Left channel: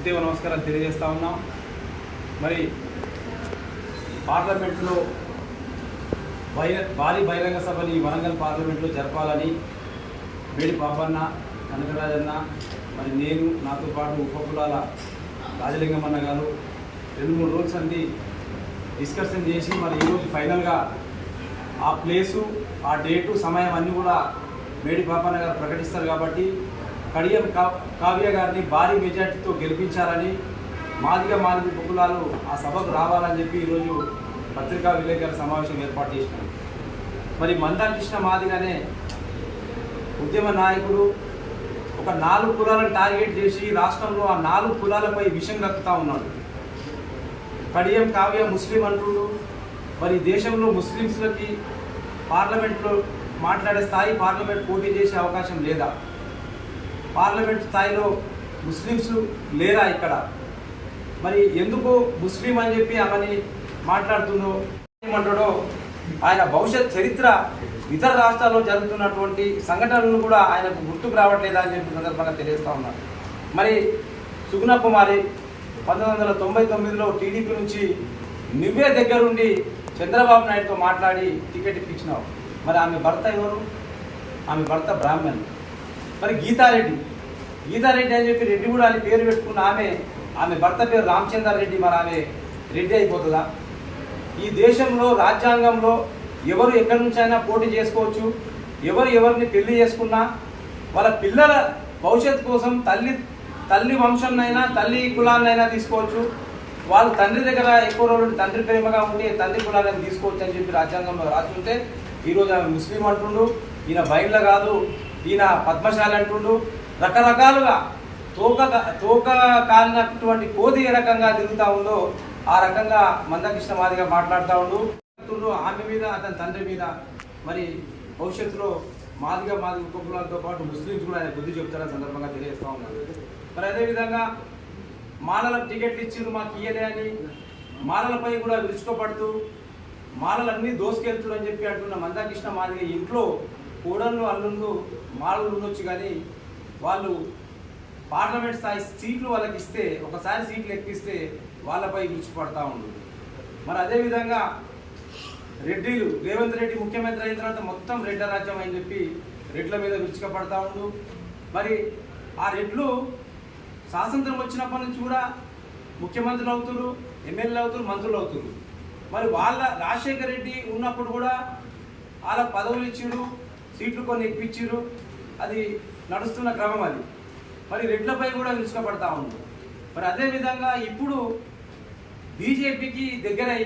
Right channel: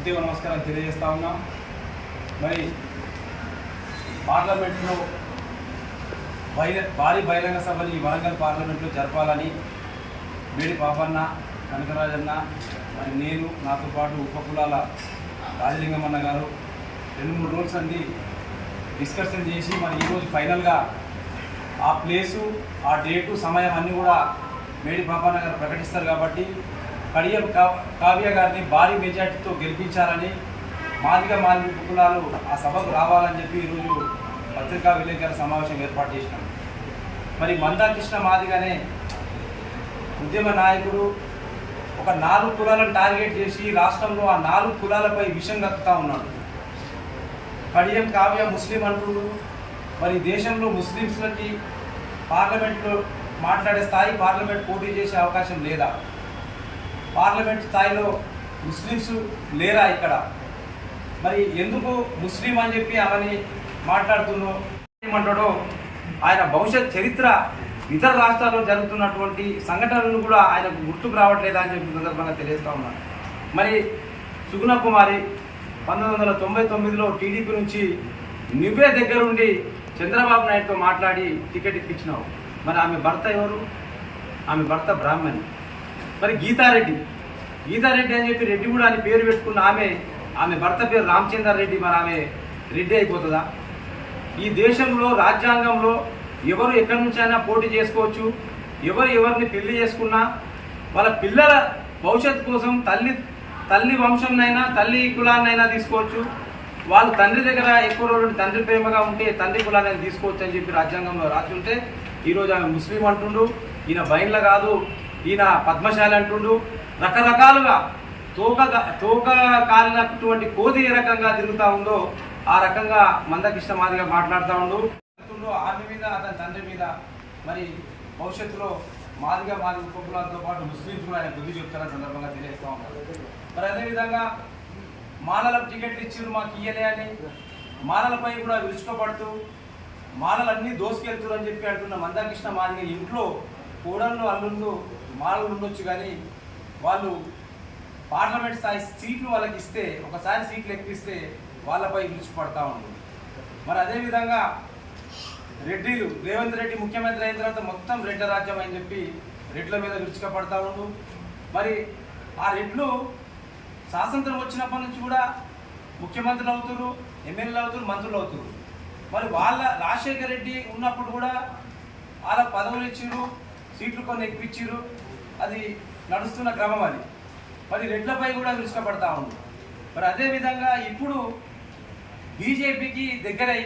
ఉద్యమ నమస్కారం తెలియజేస్తా ఉన్నాం. మరి పార్లమెంట్లో బహిర భారీ బహిరంగ సభని వరంగల్ పార్లమెంట్లో జరపాలని వేడి పాపన్న కనకరాజన్న మరి నేను నాతో పాటు ఉపకులాల రాజలింగమన్న గారు రెండు మూడు రోజులు అంది డిస్కషన్ చేసి మరి ఈరోజు ఫైనల్గా ఆ ప్లేసు ఆ డేటు సమయం అన్నీ కూడా మేడి పాపన్న గారు ప్రకటిస్తారు కాబట్టి కడియం కావ్య గారిని భారీ మెజార్టీతో గెలిపించాలని మాదిగా మాదిగ ఉపకులాలు ఆ సభకు రావాలని చెప్పి ఈరోజు పత్రికా విలేకరుల సమావేశం ఏర్పాటు చేసినాం. మరి మందాకృష్ణ మాదిగానే ఉద్యమ నాయకుడు ఒక నాలుగు కులాలను టార్గెట్ చేసి రాష్ట్రంలో ఆ నాలుగు కులాలపై విషం కక్కుతా ఉన్నాడు. కడియం కావ్య ముస్లిం అంటుండు. మరి దేశంలో ముస్లిమ్స్లకి పార్లమెంట్లో మాట్లాడే స్థాయి పార్లమెంట్ పోటీ చేసే అవకాశం లేదా? పార్లమెంట్ స్థాయిలో ముస్లిమ్స్ లేరా ఇక్కడ? మరి ఎందుకు ముస్లిం అని చెప్పి ఆమెని మాట్లాడుతుందో ఏమంటాడో ఆయన భవిష్యత్ చరిత్ర ఇతర రాష్ట్రాల్లో జరుగుతున్నటువంటి సంఘటనలను కూడా ఆయనకు గుర్తుకు రావట్లేదా అని చెప్పి సందర్భంగా తెలియజేస్తా ఉన్నారు మరి సుగుణ కుమారి పంతొమ్మిది వందల తొంభై తొమ్మిదిలో టీడీపీ నుంచి నువ్వే దగ్గరుండి చంద్రబాబు నాయుడుతో మాట్లాడి టికెట్ ఇప్పించినావు. మరి ఆమె భర్త ఎవరు? ఆమె భర్త బ్రాహ్మణ్. మరి గీతారెడ్డి. గీతారెడ్డి అని చెప్పి రెడ్డి కూడా అని పేరు పెట్టుకున్న ఆమె ఆమె భర్త పేరు రామచందర్ రెడ్డి మరి ఆమె రెడ్డి అయిపోతుందా? ఈ దేశంలో రాజ్యాంగంలో ఎవరు ఎక్కడి నుంచైనా పోటీ చేసుకోవచ్చు. ఎవరు ఎవరిని పెళ్ళి చేసుకున్నా వాళ్ళ పిల్లల భవిష్యత్తు కోసం తల్లి తల్లి వంశాన్నైనా తల్లి కులాన్నైనా తీసుకోవచ్చు. వాళ్ళు తండ్రి దగ్గర ఎక్కువ రోజులు తండ్రి ప్రేమగా ఉండి తండ్రి కులాన్ని తీసుకోవచ్చు అని చెప్పి రాజ్యాంగంలో రాసి ఉంటే ఈరోజు ఆమె ముస్లిం అంటుండు. ఈయన బయట కాదు. ఈయన పద్మశాలి అంటుండు. రకరకాలుగా తోక తోక కాలినటువంటి కోతి ఏ రకంగా తిరుగుతా ఉందో ఆ రకంగా మందకృష్ణ మాదిగా మాట్లాడుతూ ఉండు. ఆమె మీద అతని తండ్రి మీద. మరి భవిష్యత్తులో మాదిగా మాది ఉపకులాలతో పాటు ముస్లింస్ కూడా ఆయన బుద్ధి చెప్తారని సందర్భంగా తెలియజేస్తూ ఉన్నారు మరి అదేవిధంగా మాలలకు టికెట్లు ఇచ్చిండ్రు మాకు ఇయ్యలే అని. మాలలపై కూడా విరుచుకోపడుతూ మాలలన్నీ దోసుకెళ్తున్నారు అని చెప్పి అంటున్న మందకృష్ణ మాదిగ ఇంట్లో కోడళ్ళు అల్లుళ్ళు మాలలు ఉండొచ్చు కానీ వాళ్ళు పార్లమెంట్ స్థాయి సీట్లు వాళ్ళకి ఇస్తే ఒకసారి సీట్లు ఎక్కిస్తే వాళ్ళపై విడిచిపడతా ఉంది మరి అదేవిధంగా రెడ్డిలు రేవంత్ రెడ్డి ముఖ్యమంత్రి అయిన తర్వాత మొత్తం రెడ్ల రాజ్యం అని చెప్పి రెడ్ల మీద విరుచుకపడతా ఉండు. మరి ఆ రెడ్లు స్వాతంత్రం వచ్చినప్పటి నుంచి కూడా ముఖ్యమంత్రులు అవుతారు ఎమ్మెల్యేలు అవుతారు మంత్రులు అవుతారు మరి వాళ్ళ రాజశేఖర రెడ్డి ఉన్నప్పుడు కూడా వాళ్ళ పదవులు ఇచ్చిర్రు సీట్లు కొన్ని ఎక్కిచ్చిర్రు అది నడుస్తున్న క్రమం అది. మరి రెడ్లపై కూడా విరుచుకపడతా ఉంది. మరి అదేవిధంగా ఇప్పుడు బీజేపీకి దగ్గరై